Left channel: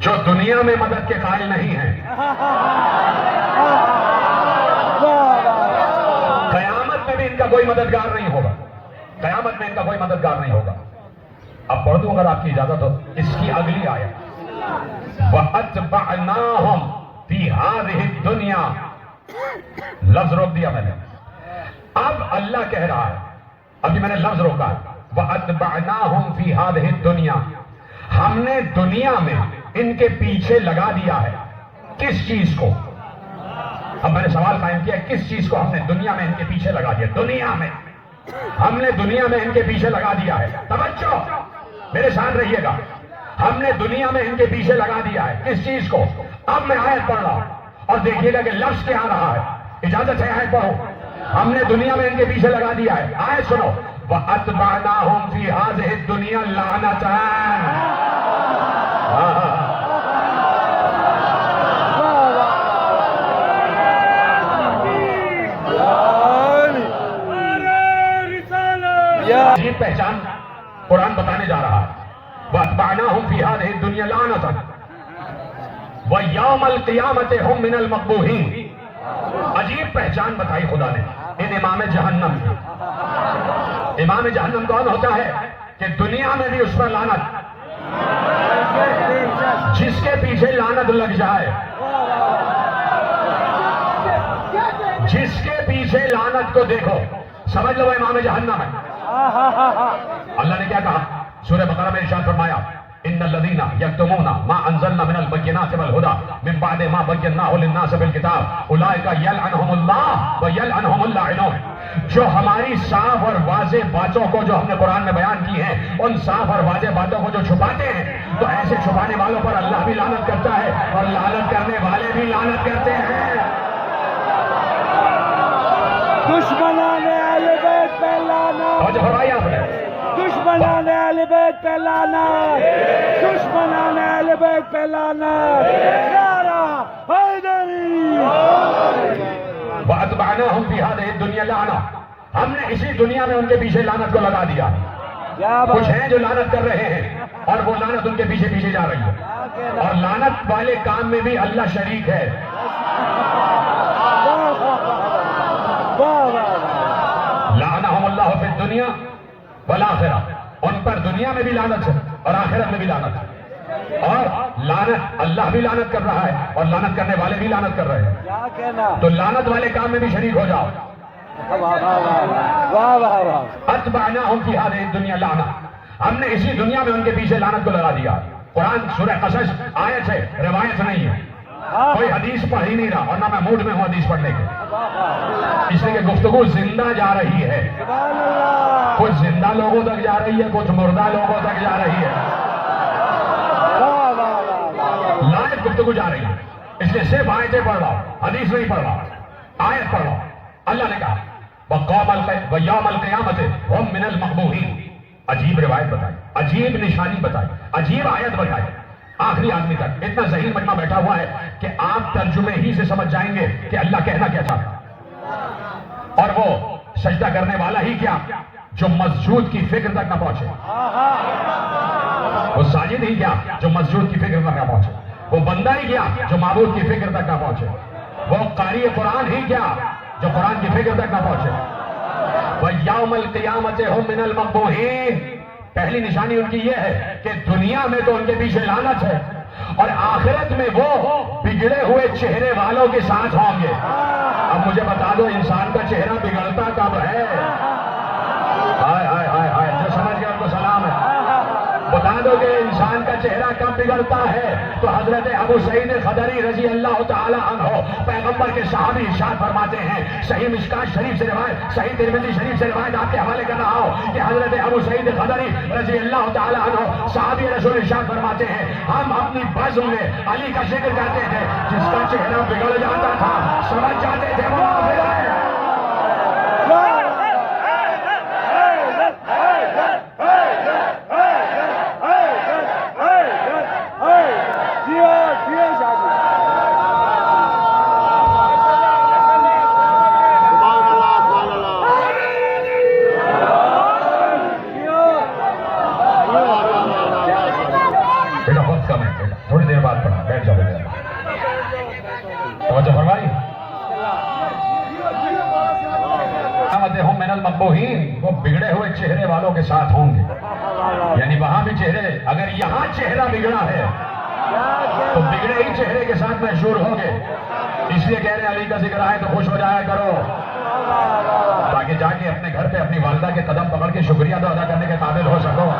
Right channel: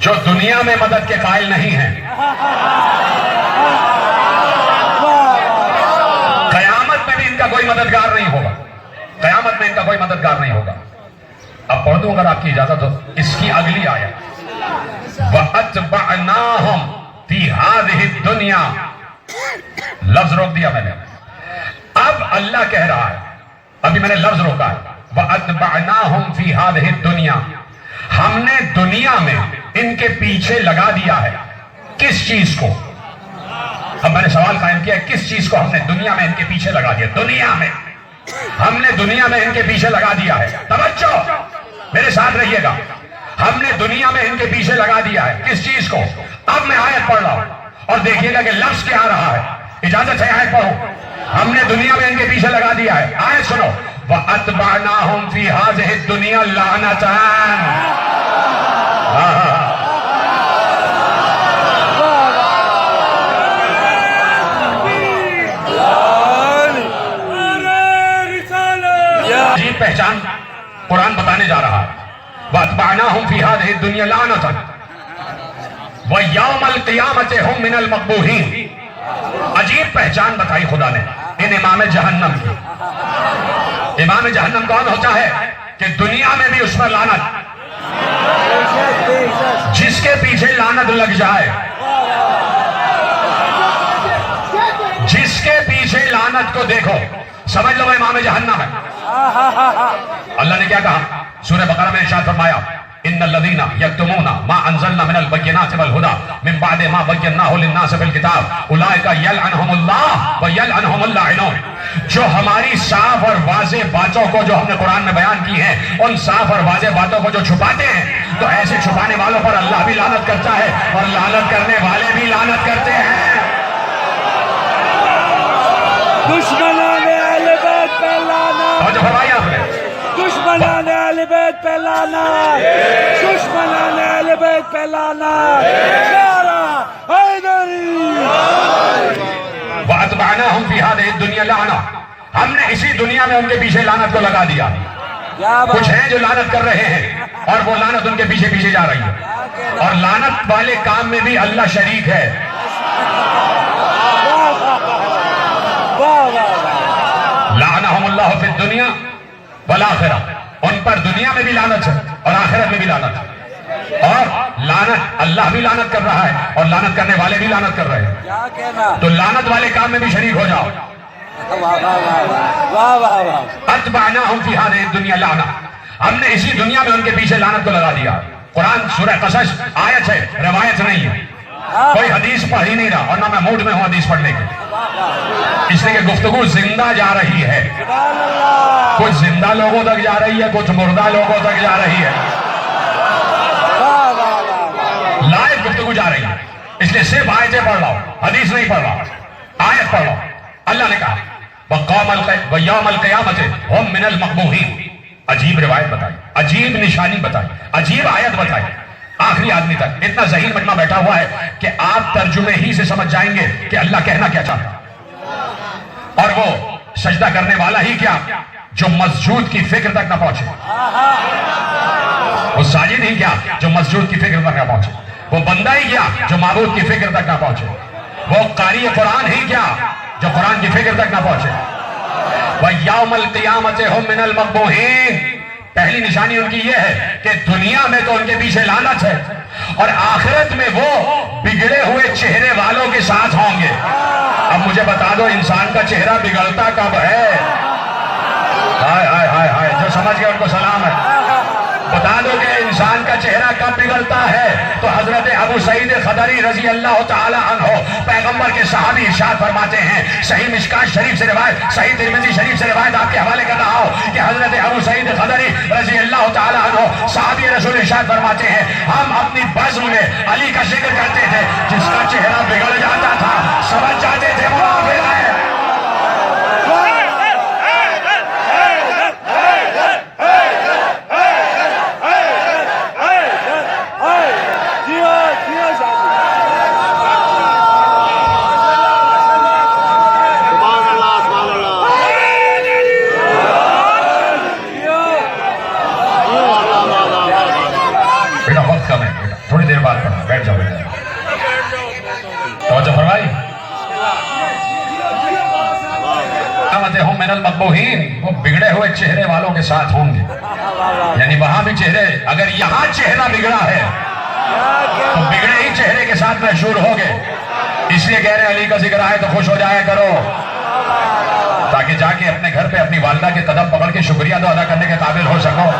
جو دنیا میں مدد کے قائل نہیں ہیں، قیامت میں بھی ان کا کوئی مددگار نہیں ہوگا، قیامت میں ان کا کوئی مددگار نہیں ہوگا۔ اب پڑھ دوں اگر آپ کی اجازت ہو اس کی اگلی آیت، وَأَتْبَعْنَاهُمْ فِي هَذِهِ الدُّنْيَا، لفظ روک دیا میں نے، اب اللہ کہہ رہا ہے، ابھی میں نے لفظ روکا ہے، وَأَتْبَعْنَاهُمْ فِي هَذِهِ الدُّنْيَا، ہم نے دنیا میں ان کے پیچھے لگا دیا ہے۔ کس چیز کو؟ اب میں نے سوال قائم کیا ہے، کس چیز کو ہم نے دنیا میں ان کے پیچھے لگا دیا؟ دنیا میں ہم نے دنیا میں ان کے پیچھے لگا دیا ہے۔ توجہ، میرے ساتھ رہیے گا، ہم نے دنیا میں ان کے پیچھے لگا دیا ہے۔ کس چیز کو؟ اب میں آیت پڑھ رہا ہوں اور دیکھیے گا کہ لفظ کیا آ رہا ہے۔ اجازت ہے آیت پڑھو۔ ہم نے دنیا میں ان کے پیچھے لگا دیا ہے، آیت سنو، وَأَتْبَعْنَاهُمْ فِي هَذِهِ الدُّنْيَا لَعْنَةً۔ عجیب پہچان قرآن بتانے جا رہا ہے، وَأَتْبَعْنَاهُمْ فِي هَذِهِ الدُّنْيَا لَعْنَةً وَيَوْمَ الْقِيَامَةِ هُمْ مِنَ الْمَقْبُوحِينَ۔ عجیب پہچان بتائی خدا نے ان امام جہنم کی۔ امام جہنم کون ہوتا ہے کہ دنیا میں بھی اس پر لعنت، جس کے پیچھے لعنت لگ جائے، جس کے پیچھے لعنت کو دیکھو سمجھ لو امام جہنم ہے۔ اللہ نے کیا کہا سورہ بقرہ میں ارشاد فرمایا، ان الذین یکتمون ما انزلنا من البینات والہدی من بعد ما بیناہ للناس فی الکتاب اولئک یلعنہم اللہ ویلعنہم اللاعنون۔ جو ہماری صاف اور واضح باتوں کو جو ہم نے قرآن میں بیان کی ہیں، ان صاف اور واضح باتوں کو جو چھپاتے ہیں، تو ایسے چھپانے والوں پر اللہ بھی لعنت کرتا ہے اور لعنت کرنے والے بھی لعنت کرتے ہیں۔ دشمنان اہل بیت پہ لعنت، اور جو فرمایا آپ نے، دشمنان اہل بیت پہ لعنت، دشمنان اہل بیت پہ لعنت، نعرہ حیدری۔ وَأَتْبَعْنَاهُمْ فِي هَذِهِ الدُّنْيَا لَعْنَةً، ہم نے اسی دنیا میں ان کے پیچھے لعنت کو لگا دیا۔ کچھ ہیں جو لعنت کر رہے ہیں اور وہ لعنت ان کے پیچھے پیچھے جا رہی ہے، اور لعنت والے کام میں بھی اللہ شریک ہے۔ لعنہم اللہ فی الدنیا والآخرہ، ان پر دنیا میں بھی لعنت ہے اور آخرت میں بھی لعنت ہے، اور لعنت اللہ بھی لعنت کر رہا ہے اور لعنت کرنے والے بھی لعنت کر رہے ہیں۔ کیا کہنا؟ تو لعنت والے کام میں بھی شریک ہو جاؤ۔ اتبعناہم فی ہذہ الدنیا لعنہ، ہم نے اسی دنیا میں ان کے پیچھے لعنت کو لگا دیا۔ قرآن سورہ قصص آیت ہے، روایت نہیں ہے، کوئی حدیث پڑھ ہی نہیں رہا، اور نہ میں موڈ میں ہوں حدیث پڑھنے کے، اس لیے کہ گفتگو زندہ جا رہی ہے، کچھ زندہ لوگوں تک جا رہی ہے، کچھ مردہ لوگوں تک جا رہی ہے، لائیو گفتگو جا رہی ہے، اس لیے صرف آیتیں پڑھ رہا ہوں، حدیث نہیں پڑھ رہا، آیت پڑھ رہا ہوں۔ اللہ نے کہا وَيَوْمَ الْقِيَامَةِ هُمْ مِنَ الْمَقْبُوحِينَ، عجیب روایت بتائی، عجیب نشانی بتائی، عجیب آیت بتائی، آخری آدمی تک اتنا ذہین مجمع بیٹھا ہوا ہے کہ آپ ترجمے ہی سے سمجھ جائیں گے کہ اللہ کہنا کیا چاہتا ہے، اور وہ سجدہ کرنے والا ہی کیا جو مسجود کی فکر تک نہ پہنچے، وہ ساجد ہی کیا جو مسجود کی فکر تک نہ پہنچے، وہ بندہ ہی کیا جو معبود کی فکر تک نہ پہنچے، وہ قاری قرآن ہی کیا جو قرآن کی فکر تک نہ پہنچے۔ وَيَوْمَ الْقِيَامَةِ هُمْ مِنَ الْمَقْبُوحِينَ، پہلی نشانی ان کی یہ ہے کہ دنیا میں تو ان کے پیچھے لعنت ہے، اور آخرت میں وہ بگڑے ہوئے چہرے والوں کے ساتھ ہوں گے۔ اب مجھے بتا دو انسان کا چہرہ بگڑتا کب ہے؟ ہائے ہائے ہائے ہائے، جو سمجھ گئے ان کو سلام ہے۔ بتا دو کہ انسان کا چہرہ کب بگڑتا ہے؟ تو حضرت ابو سعید خدری رضی اللہ تعالی عنہ پیغمبر کے صحابی ارشاد فرماتے ہیں، صحیح مشکات شریف سے روایت، صحیح ترمذی شریف سے روایت آپ کے حوالے کر رہا ہوں کہ حضرت ابو سعید خدری رضی اللہ تعالی عنہ صحابی رسول ارشاد فرماتے ہیں، ہم اپنی بزم میں علی کا ذکر کرتے تھے، جس کا چہرہ بگڑ جاتا تھا سمجھ جاتے تھے منافق ہے۔ بیٹا وقت کم ہے، بیٹا تھوڑی دیر بعد پڑھنا, بیٹھ جاؤ بیٹھ جاؤ. توجہ فرمائی. ہم من المقبوحین, وہ بگڑے ہوئے چہرے والوں کے ساتھ ہوں گے. یعنی وہاں بھی چہرے, اگر یہاں چہرہ بگڑا ہے تو بگڑے ہی چہرے کے ساتھ محشور ہوگے. اس لیے کہہ رہے علی کا ذکر آئے تو خوش ہو جایا کرو, تاکہ جا کے اپنے گھر پہ اپنی والدہ کے قدم پکڑ کے شکریہ تو ادا کرنے کے قابل ہو سکو.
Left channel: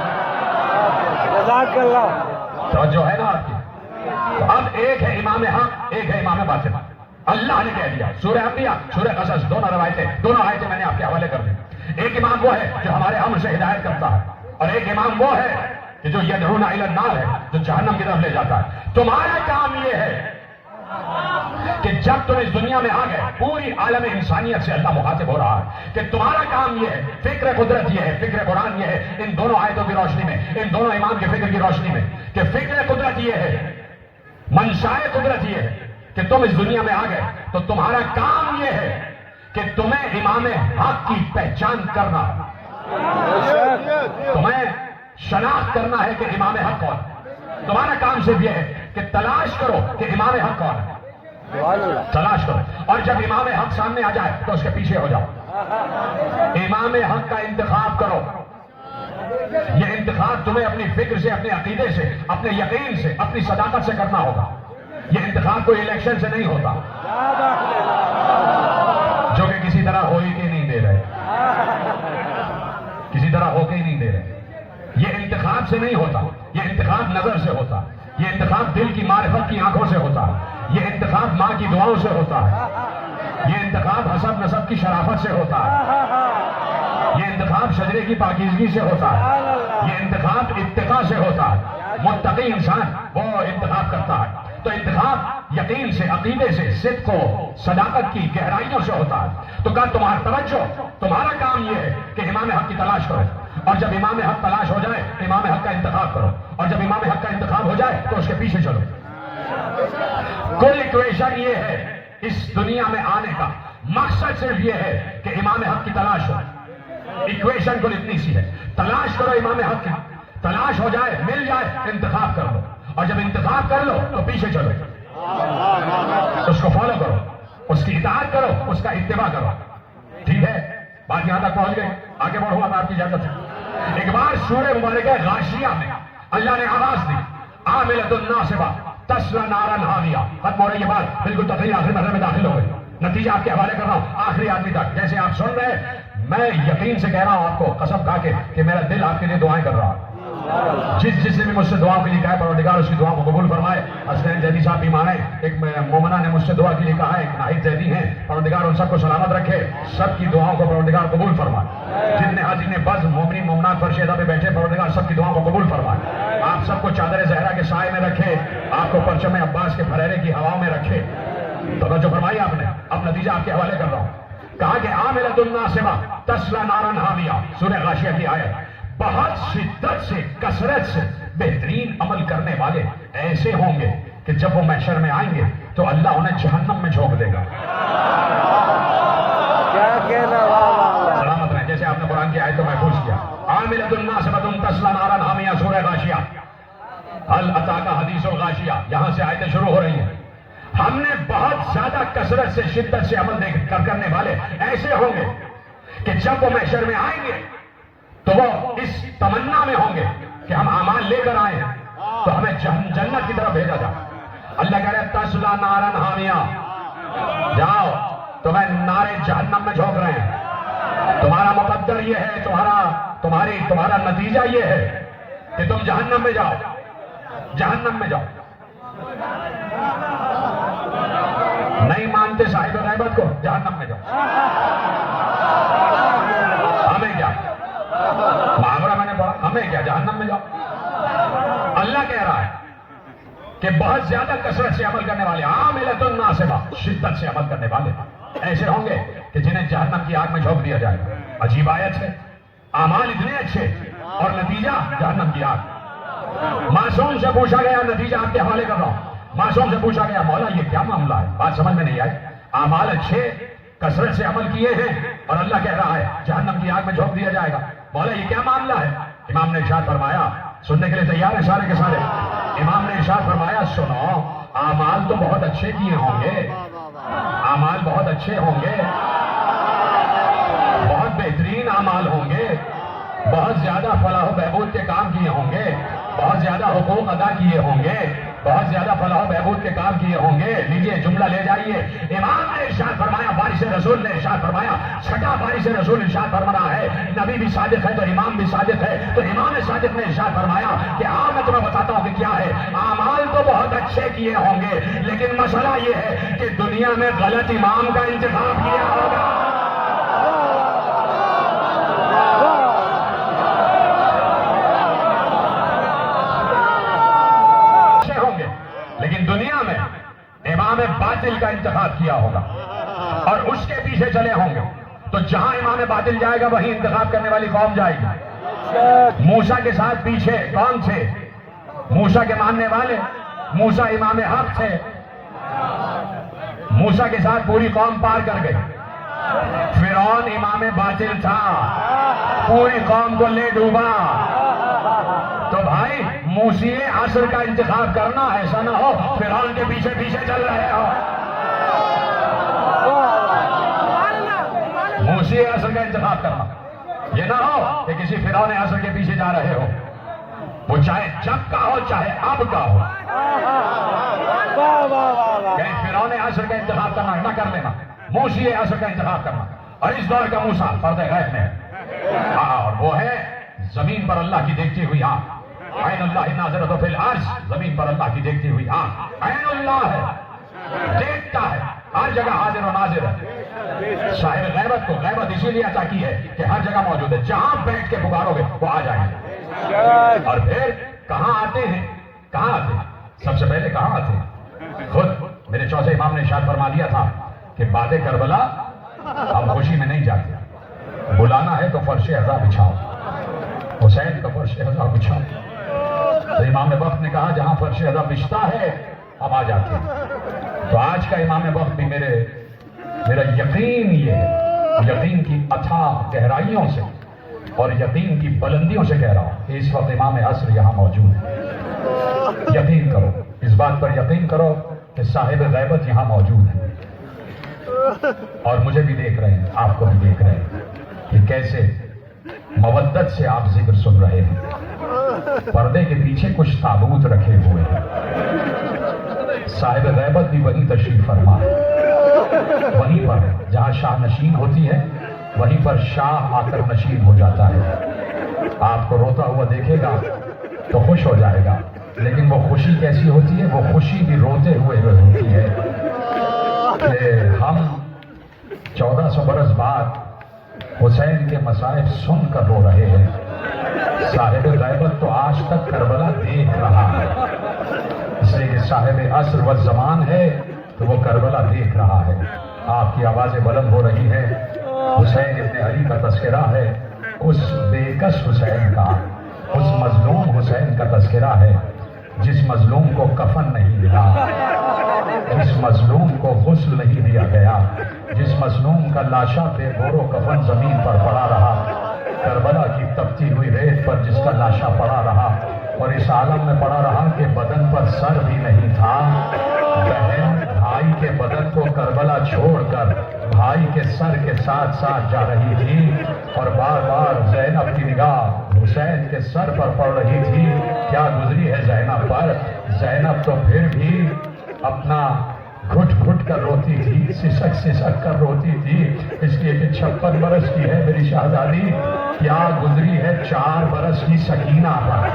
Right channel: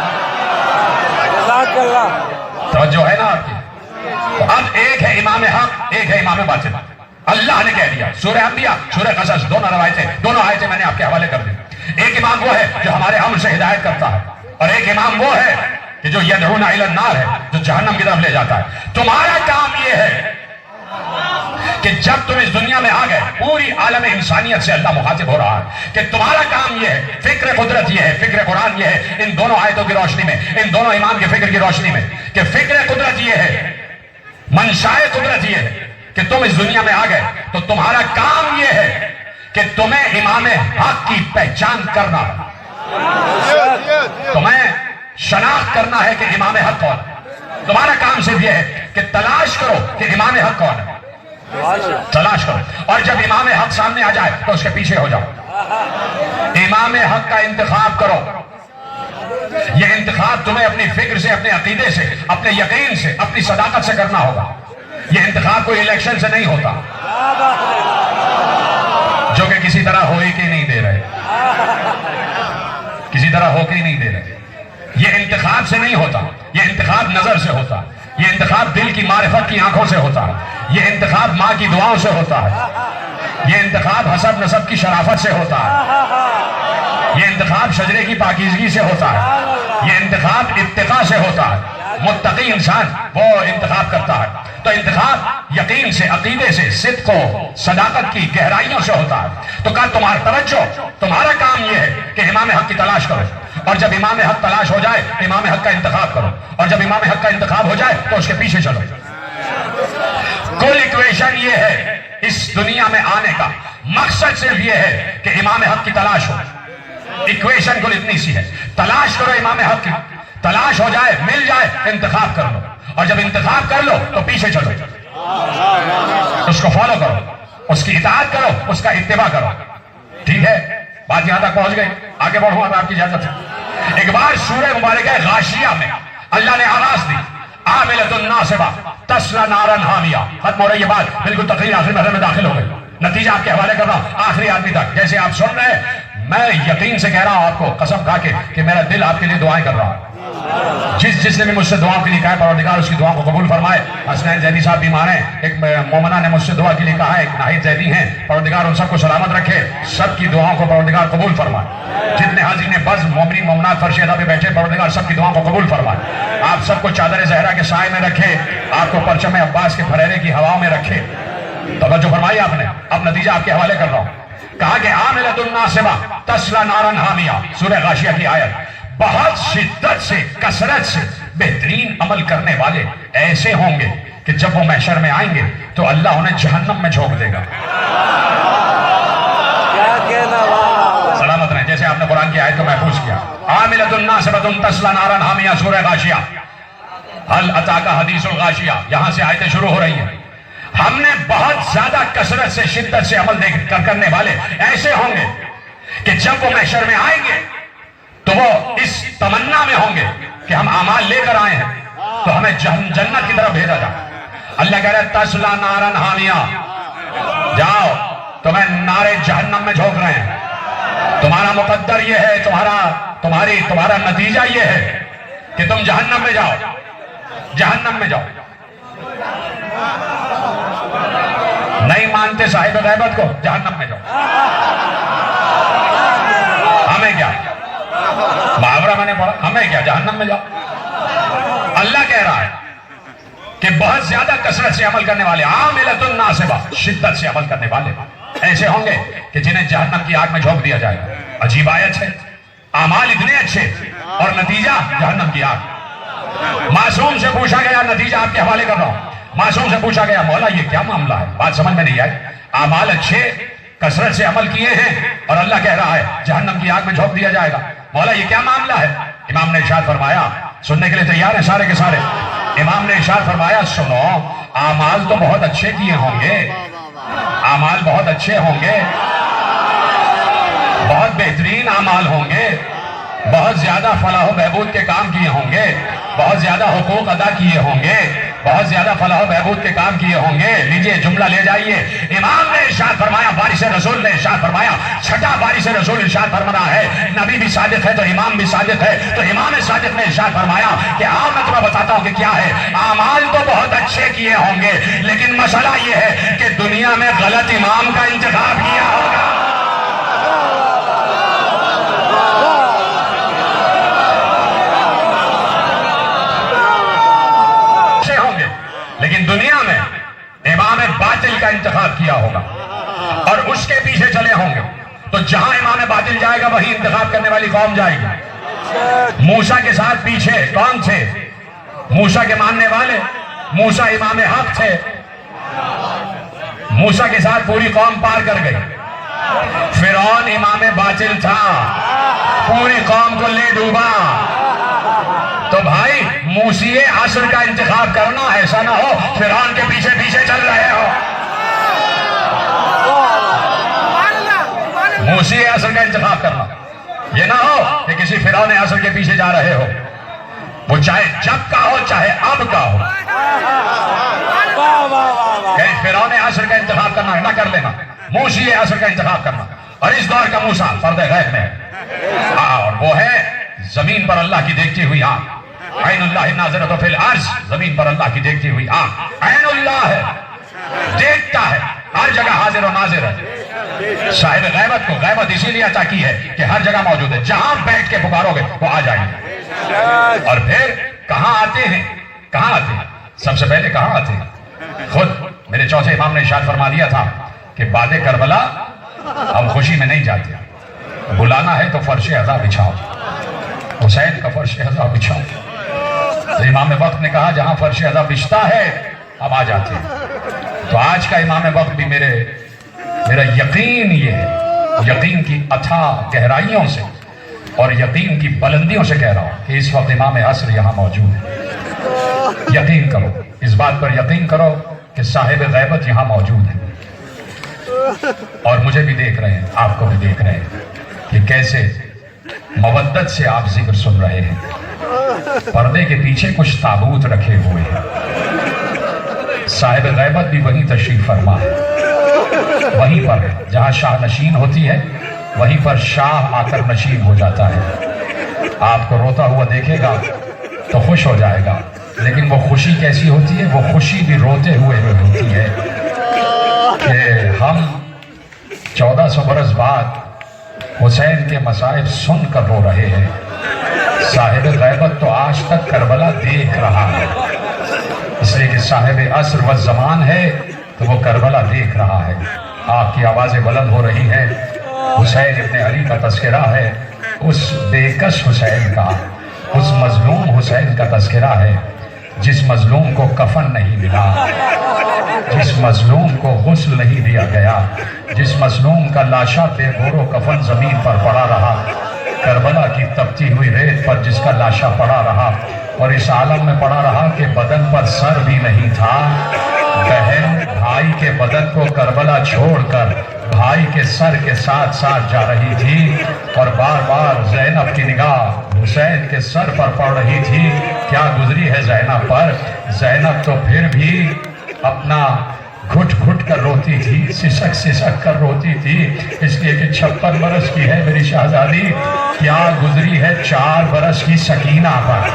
توجہ ہے نا آپ کی. تو اب ایک ہے امام حق, ایک ہے امام باطل. اللہ نے کہہ دیا, سورہ انبیاء سورہ قصص دونوں روایتیں, دونوں آیتیں میں نے آپ کے حوالے کر دی. ایک امام وہ ہے جو ہمارے امر سے ہدایت کرتا ہے, اور ایک امام وہ ہے کہ جو یدعون الی النار ہے, جو جہنم کی طرف لے جاتا ہے. تمہارا کام یہ ہے کہ جب تم اس دنیا میں آ گئے, پوری عالم انسانیت سے اللہ مخاطب ہو رہا ہے کہ تمہارا کام یہ ہے, فکر قدرت یہ ہے, فکر قرآن یہ ہے, ان دونوں آیتوں کی روشنی میں, ان دونوں امام کی فکر کی روشنی میں, کہ فکر قدرت یہ ہے, منشائے قدرت یہ ہے کہ تم اس دنیا میں آ گئے تو تمہارا کام یہ ہے کہ تمہیں امام حق کی پہچان کرنا, تمہیں شناخت کرنا ہے کہ امام حق کون ہے. تمہارا کام صرف یہ ہے کہ تلاش کرو کہ امام حق کون ہے, تلاش کرو, اور جب امام حق سامنے آ جائے تو اس کے پیچھے ہو جاؤ. امام حق کا انتخاب کرو. یہ انتخاب تمہیں اپنی فکر سے, اپنے عقیدے سے, اپنے یقین سے, اپنی صداقت سے کرنا ہوگا. یہ انتخاب کوئی الیکشن سے نہیں ہوتا جو کہ کسی طرح ہو ہی کے نہیں دے رہے, کسی طرح ہو کے ہی نہیں دے رہے. یہ انتخاب سے نہیں ہوتا, یہ انتخاب نظر سے ہوتا, یہ انتخاب دل کی معرفت کی آنکھوں سے ہوتا ہے, یہ انتخاب ماں کی دعاؤں سے ہوتا ہے, یہ انتخاب حسب نسب کی شرافت سے ہوتا ہے, یہ انتخاب شجرے کی پاکیزگی سے ہوتا ہے, یہ انتخاب اتقاء سے ہوتا ہے. متقی انسان وہ انتخاب کرتا ہے. تو انتخاب یقین سے, عقیدے سے, صدق و صداقت کی گہرائیوں سے ہوتا ہے. تو کہا تمہارا توجہ, تمہارا کام یہ ہے کہ امام حق کی تلاش کرو, اور جب امام حق تلاش ہو جائے امام حق کا انتخاب کرو, اور جب امام حق کا انتخاب ہو جائے تو اس کے پیچھے چلو. کل ایکویشن یہ ہے اس دنیا میں آنے کا مقصد صرف یہ ہے کہ امام حق کی تلاش ہو. ایکویشن کل اتنی سی ہے, تلاش کرو امام حق کی, تلاش ہو جائے, مل جائے, انتخاب کر لو, اور جب انتخاب کر لو تو پیچھے چلو, اس کو فالو کرو, اس کی اطاعت کرو, اس کا اتباع کرو. ٹھیک ہے, بات یہاں تک پہنچ گئی, آگے بڑھوں اب آپ کی اجازت ہے. ایک بار سورہ مبارکہ غاشیہ میں اللہ نے آواز دی, عاملۃ ناصبہ تصلی نارا حامیہ. ختم ہو رہی ہے بات, بالکل تقریر آخری مرحلے میں داخل ہو گئی. نتیجہ آپ کے حوالے کر رہا ہوں آخری آدمی تک. جیسے آپ سن رہے ہیں, میں یقین سے کہہ رہا ہوں آپ کو قسم کھا کے کہ میرا دل آپ کے لیے دعائیں کر رہا ہے. جس نے بھی مجھ سے دعاؤں کے لیے کہا ہے پروردگار اس کی دعاؤں کو قبول فرمائے. حسنین زیدی صاحب بیمار ہیں, ایک مومنہ نے مجھ سے دعا کے لیے کہا ہے, ایک ناہید زیدی ہیں, پروردگار ان سب کو سلامت رکھے, سب کی دعاؤں کو پروردگار قبول فرمائے. جتنے حاضرین بز مومنین مومنات فرش ادا پہ بیٹھے, پروردگار سب کی دعاؤں کو قبول فرمائے. آپ سب کو چادر زہرا کے سائے میں رکھے, آپ کو پرچم عباس کے پھریرے کی ہواؤں میں رکھے. توجہ فرمائی آپ نے, اب نتیجہ آپ کے حوالے کر رہا ہوں. کہا کہ عاملۃ ناصبہ تصلی نارا حامیہ, سورہ غاشیہ کی آیت. بہت شدت سے, کثرت سے بہترین عمل کرنے والے ایسے ہوں گے کہ جب وہ محشر میں آئیں گے تو اللہ انہیں جہنم میں جھونک دے گا. سلامت رہیں. جیسے آپ نے قرآن کی آیت کو محفوظ کیا, عاملۃ ناصبۃ تصلی نارا حامیہ, سورہ غاشیہ. هل اتاک حدیث الغاشیہ, یہاں سے آیتیں شروع ہو رہی ہیں. ہم نے بہت زیادہ کثرت سے, شدت سے عمل کرنے والے ایسے ہوں گے کہ جب وہ محشر میں آئیں گے تو وہ اس تمنا میں ہوں گے کہ ہم اعمال لے کر آئے ہیں تو ہمیں جنت کی طرف بھیجا جائے. اللہ کہہ رہا ہے تصلی نارا حامیہ, جاؤ تمہیں نارے جہنم میں جھونک رہے ہیں. تمہارا مقدر یہ ہے, تمہارا نتیجہ یہ ہے کہ تم جہنم میں جاؤ, جہنم میں جاؤ. نہیں مانتے صاحب غیبت کو, جہنم میں جاؤ. ہمیں کیا محاورہ میں نے پڑھا, ہمیں کیا, جہنم میں جاؤ. اللہ کہہ رہا ہے کہ بہت زیادہ کثرت سے عمل کرنے والے, عاملۃ ناصبہ, شدت سے عمل کرنے والے ایسے ہوں گے کہ جنہیں جہنم کی آگ میں جھونک دیا جائے گا. عجیب آیت ہے, اعمال اتنے اچھے اور نتیجہ جہنم کی آگ. معصوم سے پوچھا گیا, نتیجہ آپ کے حوالے کر رہا ہوں, معصوم سے پوچھا گیا مولا یہ کیا معاملہ ہے, بات سمجھ میں نہیں آئی. اعمال اچھے, کثرت سے عمل کیے ہیں, اور اللہ کہہ رہا ہے جہنم کی آگ میں جھونک دیا جائے گا. مولا یہ کیا معاملہ ہے؟ امام نے ارشاد فرمایا, سننے کے لیے تیار ہیں سارے کے سارے. امام نے ارشاد فرمایا سنو اعمال تو بہت اچھے کیے ہوں گے، اعمال بہت اچھے ہوں گے، بہت بہترین اعمال ہوں گے، بہت زیادہ فلاح و بہبود کے کام کیے ہوں گے، بہت زیادہ حقوق ادا کیے ہوں گے، بہت زیادہ فلاح و بہبود کے کام کیے ہوں گے۔ لیجئے جملہ لے جائیے، امام نے ارشاد فرمایا، وارث رسول نے ارشاد فرمایا، چھٹا وارث رسول ارشاد فرما ہے، نبی بھی صادق ہے تو امام بھی صادق ہے، تو امام صادق نے ارشاد فرمایا کہ میں تمہیں بتاتا ہوں کہ کیا ہے، اعمال تو بہت اچھے کیے ہوں گے، لیکن مسئلہ یہ ہے کہ دنیا میں غلط امام کا انتخاب کیا ہوگا۔ لیکن دنیا میں امام باطل کا انتخاب کیا ہوگا اور اس کے پیچھے چلے ہوں گے، تو جہاں امام باطل جائے گا وہیں انتخاب کرنے والی قوم جائے گی۔ موسیٰ کے ساتھ پیچھے کون تھے؟ موسیٰ کے ماننے والے، موسیٰ امام حق تھے، موسیٰ کے ساتھ پوری قوم پار کر گئی۔ فرعون امام باطل تھا، پوری قوم کو لے ڈوبا۔ تو بھائی موسیٰ عصر کا انتخاب کرنا، ایسا نہ ہو فرعون کے پیچھے پیچھے چل رہے ہو۔ موسیٰ عصر کا انتخاب کرنا، یہ نہ ہو کہ کسی فرعون عصر کے پیچھے جا رہے ہو، وہ چاہے جب کا ہو چاہے اب کا ہو۔ کہ فرعون عصر کا انتخاب کرنا نہ کر لینا، موسیٰ عصر کا انتخاب کرنا۔ اور اس دور کا موسیٰ فرد غیب میں ہے، اور وہ ہے زمین پر اللہ کی دیکھتی ہوئی آنکھ، عین اللہ ناظرۃ فی الارض، زمین پر اللہ کی دیکھتی ہوئی آنکھ، عین اللہ ہے، دیکھتا ہے، ہر جگہ حاضر و ناظر ہے۔ صاحب غیبت کو غیبت اسی لیے عطا کی ہے کہ ہر جگہ موجود ہے، جہاں بیٹھ کے پکارو گے وہ آ جائیں گے۔ اور پھر کہاں آتے ہیں؟ کہاں آتے ہیں؟ سب سے پہلے کہاں آتے ہیں؟ خود میرے چوتھے امام نے ارشاد فرما دیا تھا کہ باد کربلا ہم خوشی میں نہیں جاتے، بلانا ہے تو فرش عزا بچھاؤ، حسین کا فرش عزا بچھاؤ۔ تو امام وقت نے کہا جہاں فرش عزا بچھتا ہے اب آ جاتے ہیں۔ تو آج کا امام وقت بھی میرا یقین یہ ہے، یقین کی اتھاہ گہرائیوں سے اور یقین کی بلندیوں سے کہہ رہا ہوں کہ اس وقت امام عصر یہاں موجود ہے۔ یقین کرو، اس بات پر یقین کرو کہ صاحب غیبت یہاں موجود ہے، اور مجھے بھی دیکھ رہے ہیں، آپ کو بھی دیکھ رہے ہیں کہ کیسے مودت سے آپ ذکر سن رہے ہیں۔ پردے کے پیچھے کچھ تابوت رکھے ہوئے ہیں، صاحب غیبت بھی وہیں تشریف فرما ہے، وہیں پر جہاں شاہ نشین ہوتی ہے وہیں پر شاہ آ کر نشین ہو جاتا ہے۔ آپ کو روتا ہوا دیکھے گا تو خوش ہو جائے گا، لیکن وہ خوشی کیسی ہوتی ہے؟ وہ خوشی بھی روتے ہوئے ہوتی ہے کہ ہم 1400 برس بعد حسین کے مصائب سن کر رو رہے ہیں، صاحب غیبت تو آج تک کربلا دیکھ رہا ہے، اس لیے کہ صاحب عصر و زمان ہے تو وہ کربلا دیکھ رہا ہے۔ آپ کی آوازیں بلند ہو رہی ہیں، حسین ابن علی کا تذکرہ ہے، اس بے کس حسین کا، اس مظلوم حسین کا تذکرہ ہے جس مظلوم کو کفن نہیں ملا، جس مظلوم کو غسل نہیں دیا گیا، جس مظلوم کا لاشا بے گور و کفن زمین پر پڑا رہا، کربلا کی تپتی ہوئی ریت پر جس کا لاشا پڑا رہا، اور اس عالم میں پڑا رہا کہ بدن پر سر بھی نہیں تھا۔ بہن بھائی کے بدن کو کربلا چھوڑ کر بھائی کے سر کے ساتھ ساتھ جا رہی تھی، اور بار بار زینب کی نگاہ حسین کے سر پر پڑ رہی تھی۔ کیا گزری ہے زینب پر؟ زینب تو پھر بھی اپنا گھٹ گھٹ کر روتی تھی، سسک سسک کر روتی تھی، اس لیے کہ 56 برس کی ہے میری شہزادی۔ کیا گزری ہے 4 برس کی سکینہ پر؟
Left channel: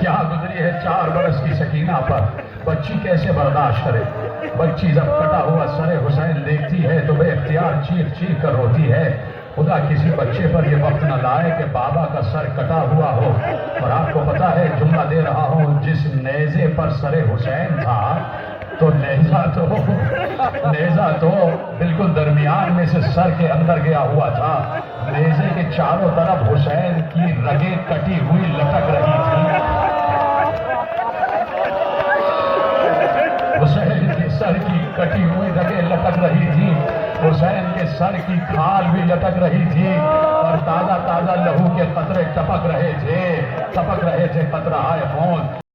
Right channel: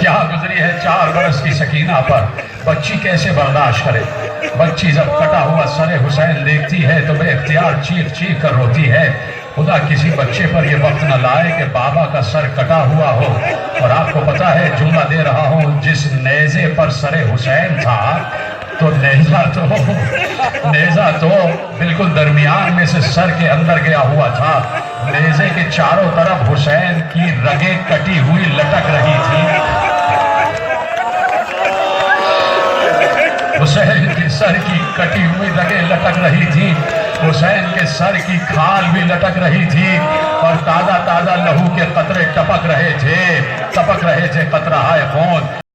کیا گزری ہے 4 برس کی سکینہ پر؟ بچی کیسے برداشت کرے؟ بچی جب کٹا ہوا سر حسین دیکھتی ہے تو بے اختیار چیخ چیخ کر روتی ہے۔ خدا کسی بچے پر یہ وقت نہ لائے کہ بابا کا سر کٹا ہوا ہو۔ اور آپ کو پتا ہے، جملہ دے رہا ہوں، جس نیزے پر سر حسین تھا تو نیزہ تو بالکل درمیان میں سے سر کے اندر گیا ہوا تھا۔ نیزے کے چاروں طرف حسین کی رگیں کٹی ہوئی لٹک رہی تھی۔ حسین کے سر کی کٹی ہوئی رگیں لٹک رہی تھی، حسین کے سر کی کھال بھی لٹک رہی تھی اور تازہ تازہ لہو کے قطرے ٹپک رہے تھے قطرہ خون